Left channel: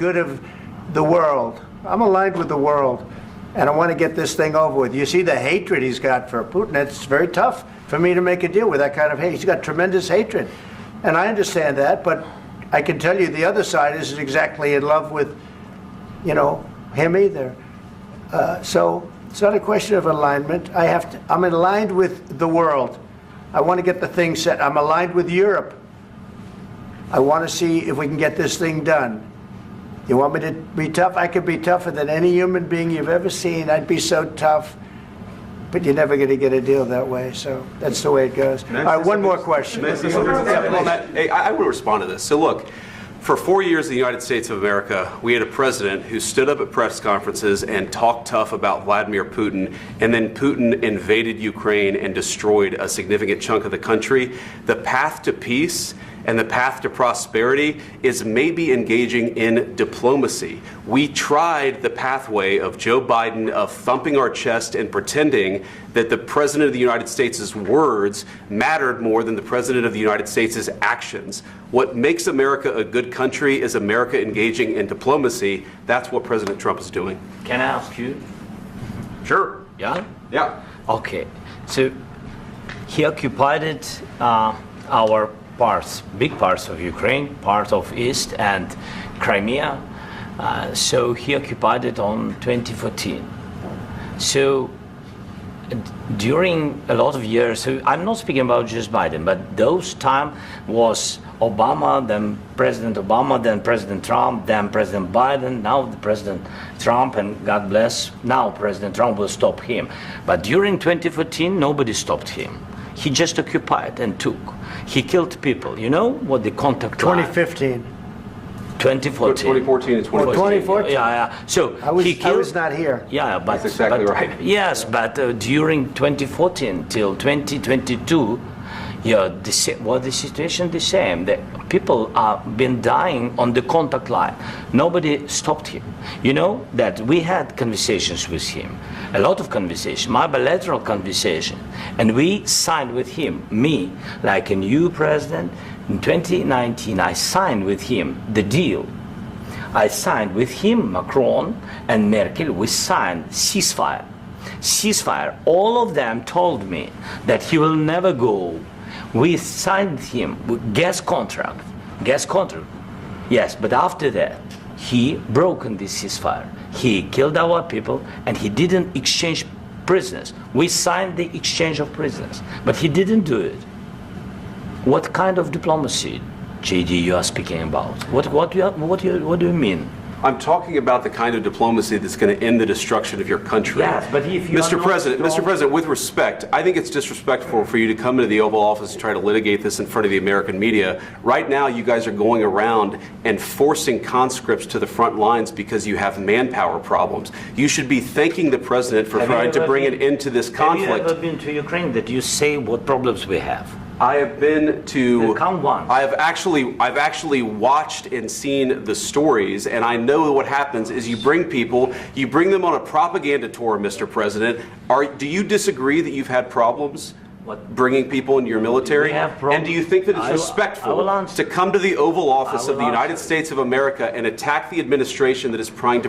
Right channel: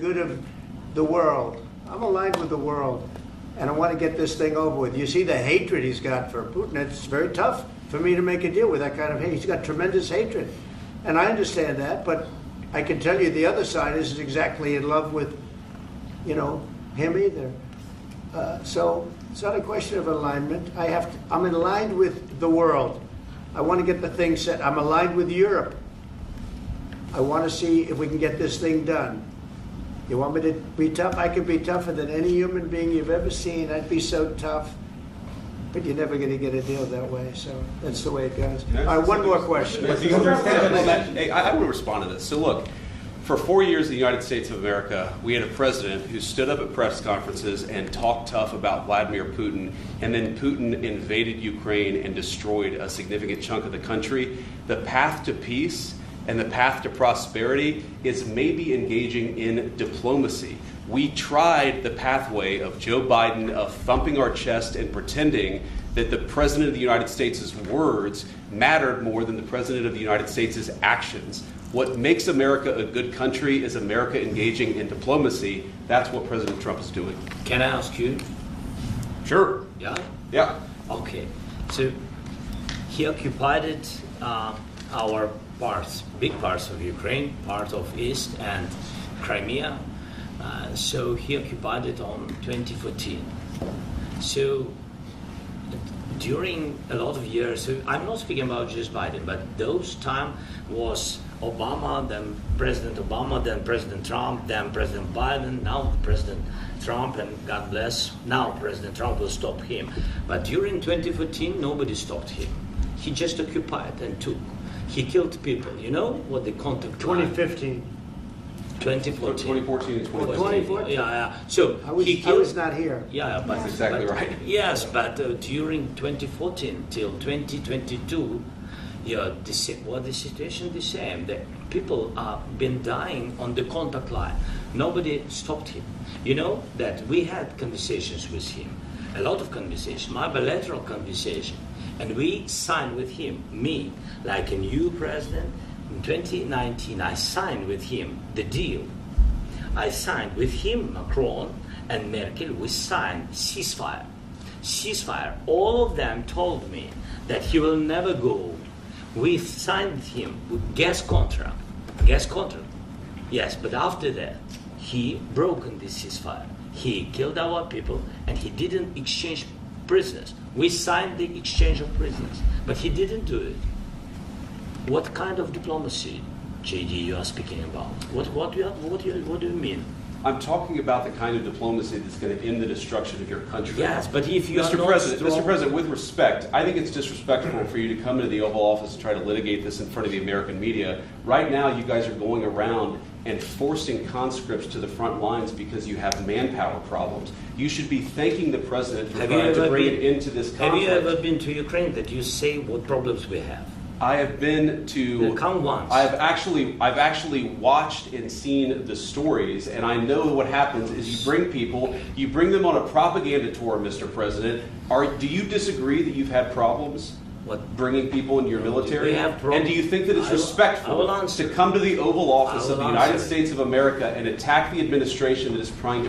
good of the world. I'm aligned with the world, and I want to get this thing over with. You see the hatred he's got for Putin. It's very tough for me to make a deal with that kind of hate. He's got tremendous hatred, and I understand that, but I can tell you the other side isn't exactly in love with, you know, him either. So it's not a question of alignment. I'm aligned with the world. I want to get the thing set. I'm aligned with Europe. I want to see if we can get this thing done. You want me to be tough? I could be tougher than any human being you've ever seen. I'd be so tough. But you're never going to get a deal that way. So that's the way it goes. All right, one more question. Hey, I want to respond to this. So look, for 4 years in the United States of America, we had a president who stood up at press conferences and talked tough about Vladimir Putin, and then Putin invaded Ukraine and destroyed a significant chunk of the country. The path to peace and the path to prosperity is maybe engaging in diplomacy. We tried the pathway of Joe Biden of thumping our chest and pretending that the President of the United States' words mattered more than the President of the United States' actions. What makes America a good country is America engaging in diplomacy. That's what President Trump is doing. Can I ask you? Sure. Yeah? Yeah. Okay. So he occupied our parts, big parts of Ukraine, part of East and Crimea. So he occupied it on 2014. So during a lot of years, so I'm not speaking about just Biden, but those time was Obama, then President Obama, then President Trump, then President Biden, now President Trump, and God bless, now President Trump will stop him. But during 2014, nobody stopped him. He just occupied and took. He killed people. You know what the contact line? 2015. 2014. 2014 and 2014. 2014. Yeah. So I was not here. Yeah, but that's exactly right. Yes, but during 2014 till 2022, yeah, the situation the same. The people have been dying on the contact line. Nobody stopped him. You know that we had conversations with him, a lot of conversation, my bilateral conversation, and we signed with him, me, like a new president. In 2019, I signed with him the deal. I signed with him, Macron and Merkel, we signed ceasefire. Ceasefire, all of them told me that he will never go. We signed him with gas contract, yes, but after that, he broken this ceasefire. He killed our people and he didn't exchange prisoners. We signed the exchange of prisoners, but he didn't do it. What kind of diplomacy, JD, you are speaking about? What do you mean? I'm talking about the kind of diplomacy that's going to end the destruction of your country. Yes, but if you Mr. President, with respect, I think it's disrespectful for you to come into the Oval Office and try to litigate this in front of the American media. Right now, you guys are going around and forcing conscripts to the front lines because you have manpower problems. You should be thanking the President for trying to bring an end to this conflict. Have you ever been to Ukraine that you say what problems we have? I have been to. Count once. I've actually watched and seen the stories, and I know what happens is you bring people, you bring them on a propaganda tour, Mr. President. Do you disagree that you've had problems bringing people into your military? And do you think that it's respectful to come to the Oval Office of the United States of America and attack the administration that is trying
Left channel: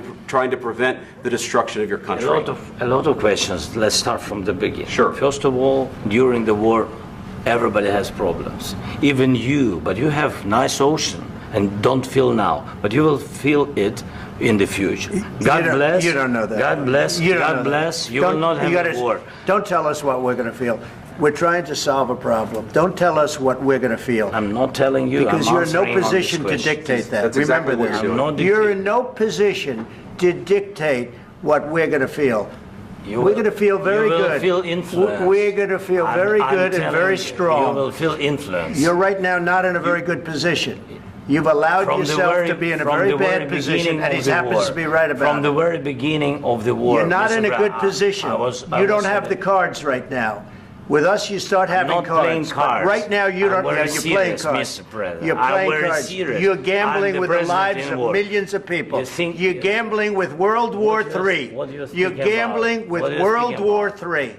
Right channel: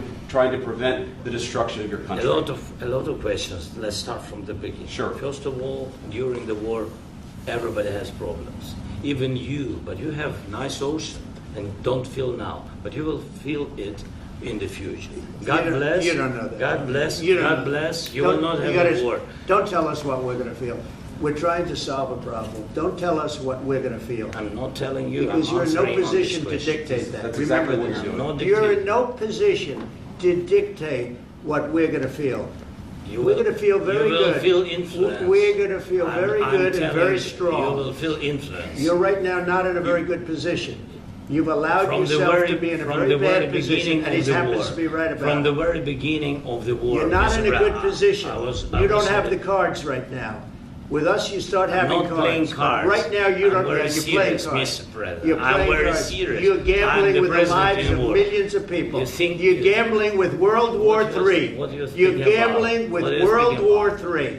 to prevent the destruction of your country? A lot of questions. Let's start from the beginning. Sure. First of all, during the war, everybody has problems, even you, but you have nice ocean and don't feel now, but you will feel it in the future. God bless. You don't know that. God bless. God bless. You will not have a war. Don't tell us what we're going to feel. We're trying to solve a problem. Don't tell us what we're going to feel. I'm not telling you. Because you're in no position to dictate that. That's exactly what Remember you're doing. this. You're in no position to dictate what we're going to feel. We're going to feel very good. You will feel influence. We're going to feel very good and very strong. You will feel influence. You're right now not in a very good position. You've allowed yourself to be in a very bad position, and he happens to be right about it. From the very beginning of the war. You're not in a good position. You don't have the cards right now. With us, you start having cards. Right now, you don't. You're playing cards. You're playing cards. You're gambling with the lives of millions of people. You're gambling with World War III. You're gambling with World War III.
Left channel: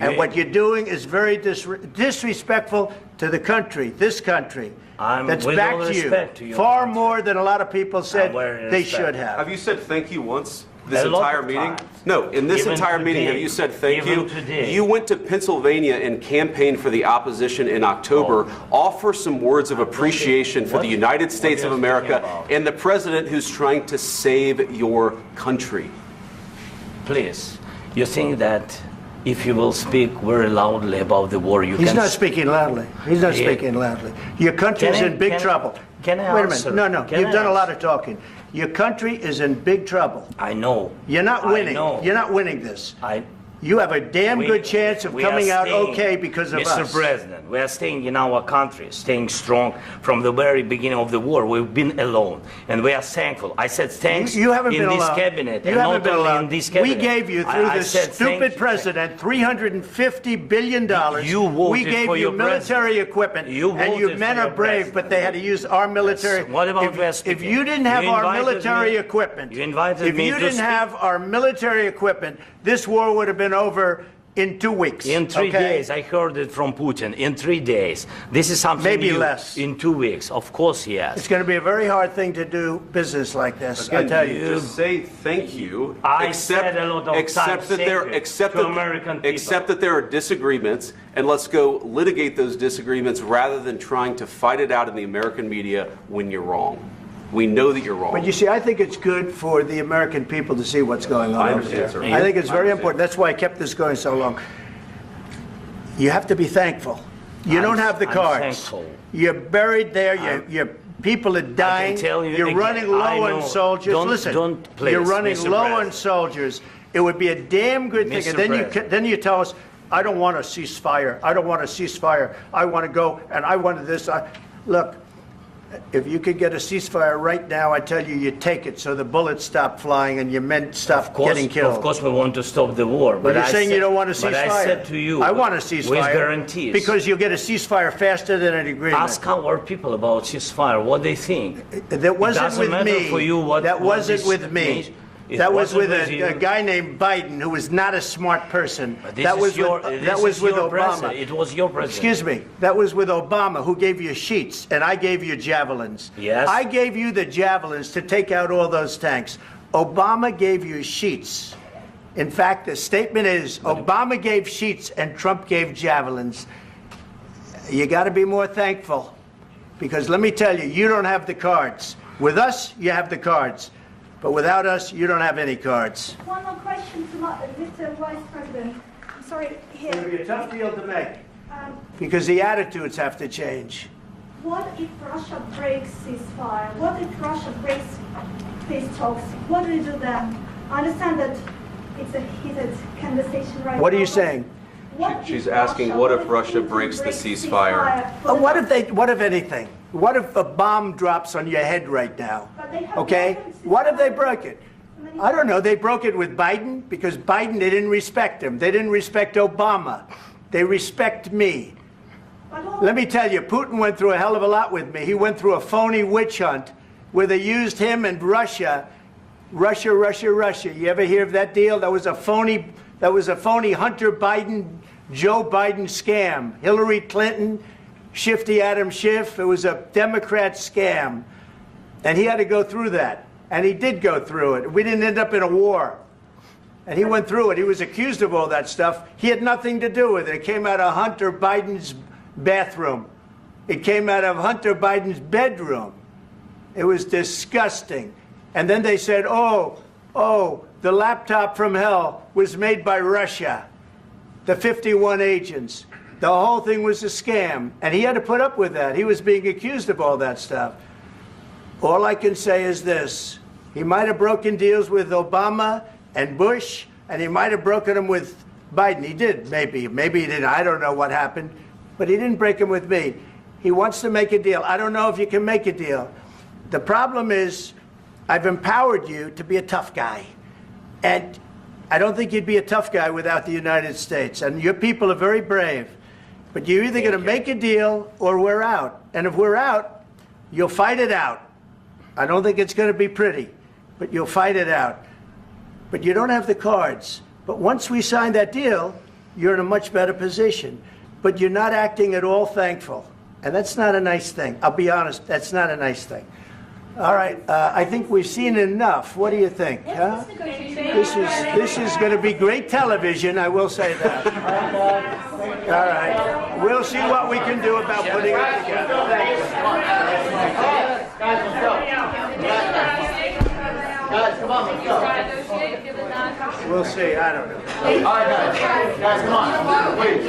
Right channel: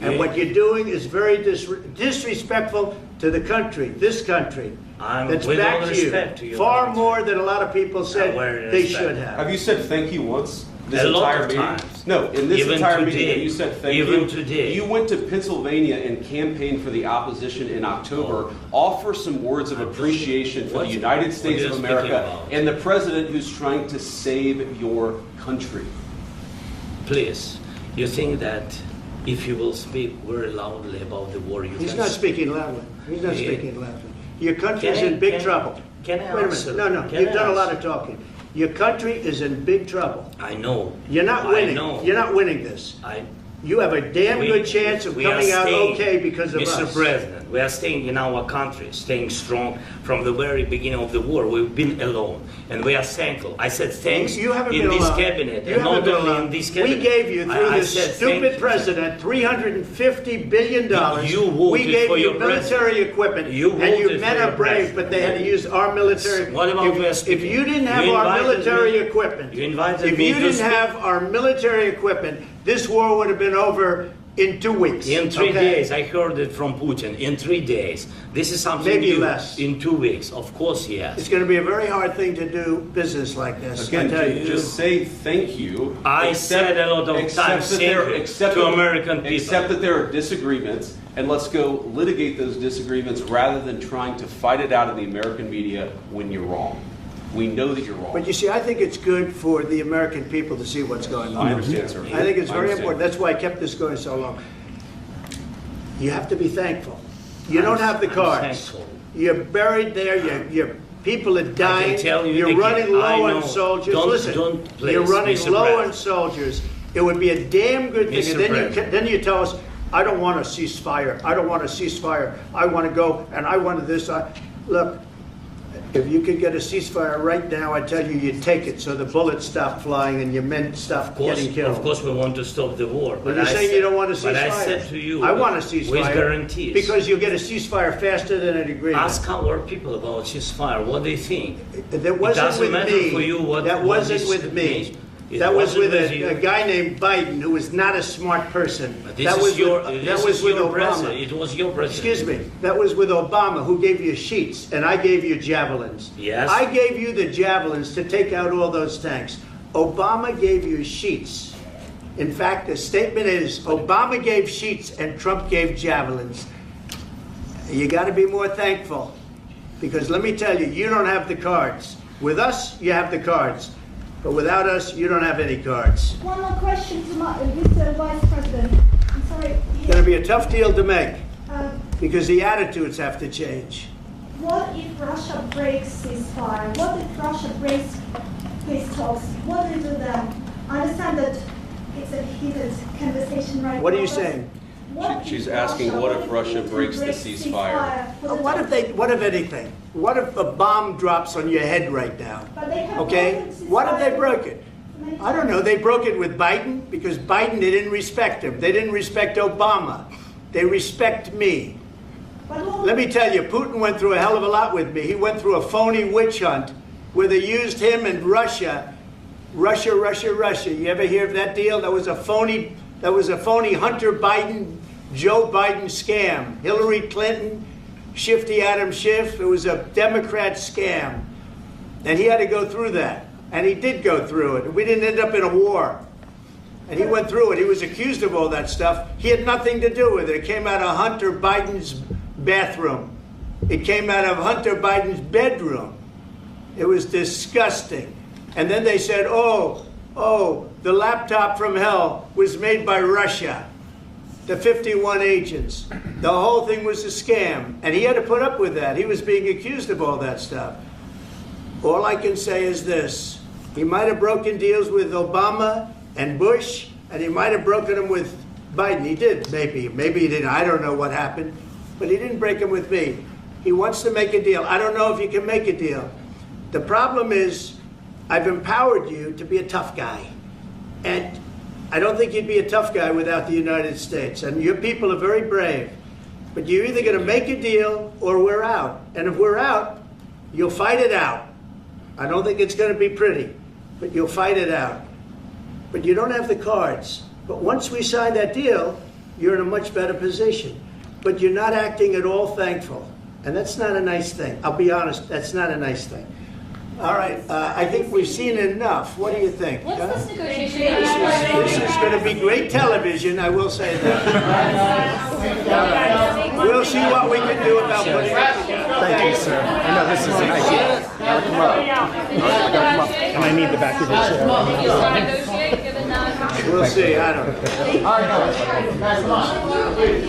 And what you're doing is very disrespectful to the country, this country. I'm that's with backed all respect to you your far country. more than a lot of people said very they respect. should have. Have you said thank you once this A lot entire of meeting? times. No, in this Even entire meeting, today. have you said thank Even you? today. You went to Pennsylvania and campaigned for the opposition in October. Offer some words of appreciation for the United States what of are you speaking America about? and the president who's trying to save your country. Please, you think that if you will speak very loudly about the war, you He's can... not speaking loudly. He's not Yeah. speaking loudly. Your country is Can I- in big can- trouble. can I Wait a answer? minute. No, Can you've I done a lot answer? of talking. Your country is in big trouble. I know. You're not I winning. know. You're not winning this. You have a damn good chance of we are coming out staying, okay because of Mr. us. President, we are staying in our country, staying strong from the very beginning of the war. We've been alone, and we are thankful. I said thanks You haven't in been this alone. cabinet, You and haven't not been only alone. in this We cabinet. gave you, through I this said stupid thank you. president, $350 billion. You voted we gave for you your military president. equipment, You and you voted men for are your brave, president. but they had to use our military. What about we are if speaking? you didn't have You our invited military me- equipment, you invited if me you to didn't speak. have our military equipment, this war would have been over in 2 weeks. In 3 okay? days, I heard it from Putin. In 3 days, this is something Maybe new. less. In 2 weeks, of course, yes. It's going to be a very hard thing to do business like this. I Again, tell you. just say thank you. I said a lot of times thank you to American people. Accept that there are disagreements, and let's go litigate those disagreements rather than trying to fight it out in the American media when you're wrong. We know that you're wrong. But you see, I think it's good for the American people to see what's going on. I understand, sir. I think it's I very understand. important. That's why I kept this going so long. You have to be thankful. You don't have the I'm cards. thankful. You're buried there. Your people are dying. tell you You're again, running I low know. on soldiers. Don't- Listen, don't, please, you're running Mr. low on President. soldiers. It would be a damn good thing. Mr. And then President. then you tell us, I don't want a ceasefire. I don't want a ceasefire. I want to go and I want this. Look, if you could get a ceasefire right now, I tell you, you take it so the bullets stop flying and your men stop getting killed. Of course, we want to stop the war. But you're I saying said- you don't want a ceasefire. But I said to you, I want a ceasefire. with guarantees. Because you'll get a ceasefire faster than an agreement. Ask our people about ceasefire, what they think. That wasn't doesn't with matter me. for you what- That what wasn't this with me. means. It That was wasn't with with a you. guy named Biden who was not a smart person. But this That is was your, with, this that was is with your Obama. president. It was your president. Excuse me. That was with Obama, who gave you sheets, and I gave you javelins. Yes. I gave you the javelins to take out all those tanks. Obama gave you sheets. In fact, the statement is Obama gave sheets and Trump gave javelins. You got to be more thankful, because let me tell you, you don't have the cards. With us, you have the cards. But without us, you don't have any cards. One more question to Mr. Vice President. I'm sorry. It's going to be a tough deal to make, Um, because the attitudes have to change. what if Russia breaks ceasefire? What if Russia breaks peace talks? What do we do then? I understand that it's a heated conversation right now. What are you but saying? what if She's asking, what if Russia Putin breaks the breaks ceasefire? What if anything? What if a bomb drops on your head right now? But they have Okay? broken What if they ceasefire broke it? so many I don't know. times. They broke it with Biden because Biden, they didn't respect him. They didn't respect Obama. They respect me. But what- Let me tell you, Putin went through a hell of a lot with me. He went through a phony witch hunt where they used him and Russia. Russia. You ever hear of that deal? That was a phony Hunter Biden, Joe Biden scam. Hillary Clinton, Shifty Adam Schiff. It was a Democrat scam. And he had to go through that. And he did go through it. We didn't end up in a war. And he went through it. He was accused of all that stuff. He had nothing to do with it. It came out of Hunter Biden's bathroom. It came out of Hunter Biden's bedroom. It was disgusting. And then they said, oh, the laptop from hell was made by Russia. The 51 agents. The whole thing was a scam. And he had to put up with that. He was being accused of all that stuff. All I can say is this. He might have broken deals with Obama and Bush, and he might have broken them with Biden. He did, maybe. Maybe he didn't. I don't know what happened. But he didn't break them with me. He wants to make a deal. I don't know if you can make a deal. The problem is, I've empowered you to be a tough guy. And I don't think you'd be a tough guy without the United States. And your people are very brave. But you're either going to make a deal or we're out. And if we're out, you'll fight it out. I don't think it's going to be pretty, but you'll fight it out. But you don't have the cards. But once we sign that deal, you're in a much better position. But you're not acting at all thankful. And that's not a nice thing. I'll be honest, that's not a nice thing. All right, I think we've seen enough. What do you think? What's huh? this negotiation? This is going to be great television, I will say that. All right. We'll see what we can do about putting it together. Thank you, sir. I need the back of this. We'll see, I don't know. Guys, come on. Wait,